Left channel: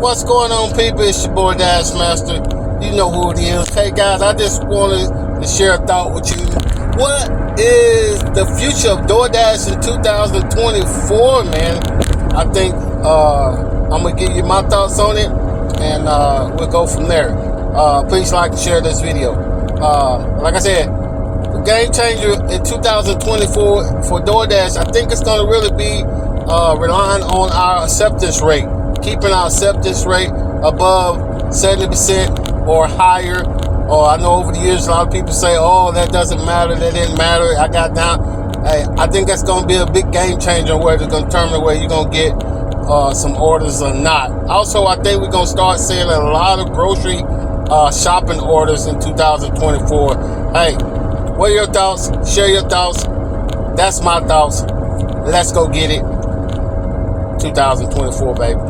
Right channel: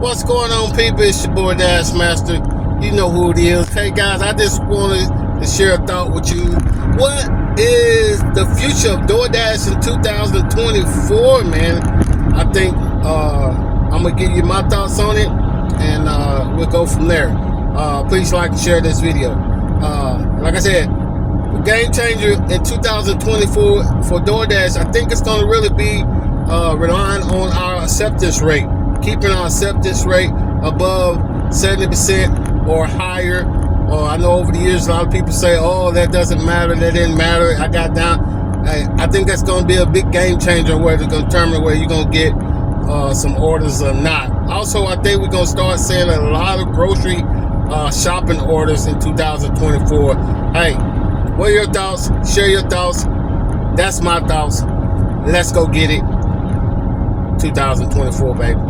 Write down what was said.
What's going on, people? It's your boy Dash Master. You know who it is. Hey guys, I just wanted to share a thought with you. What is the future of Doordash in 2024, man? I think I'm gonna give you my thoughts on it, and we'll go from there. Please like and share this video. Like I said, the game changer in 2024 for Doordash, I think it's gonna really be relying on our acceptance rate, keeping our acceptance rate above 70% or higher. Or I know over the years a lot of people say, oh, that doesn't matter, that didn't matter, I got down. Hey, I think that's going to be a big game changer where it's going to determine whether you're going to get some orders or not. Also, I think we're going to start seeing a lot of grocery shopping orders in 2024. Hey, what are your thoughts? Share your thoughts. That's my thoughts. Let's go get it. 2024, baby.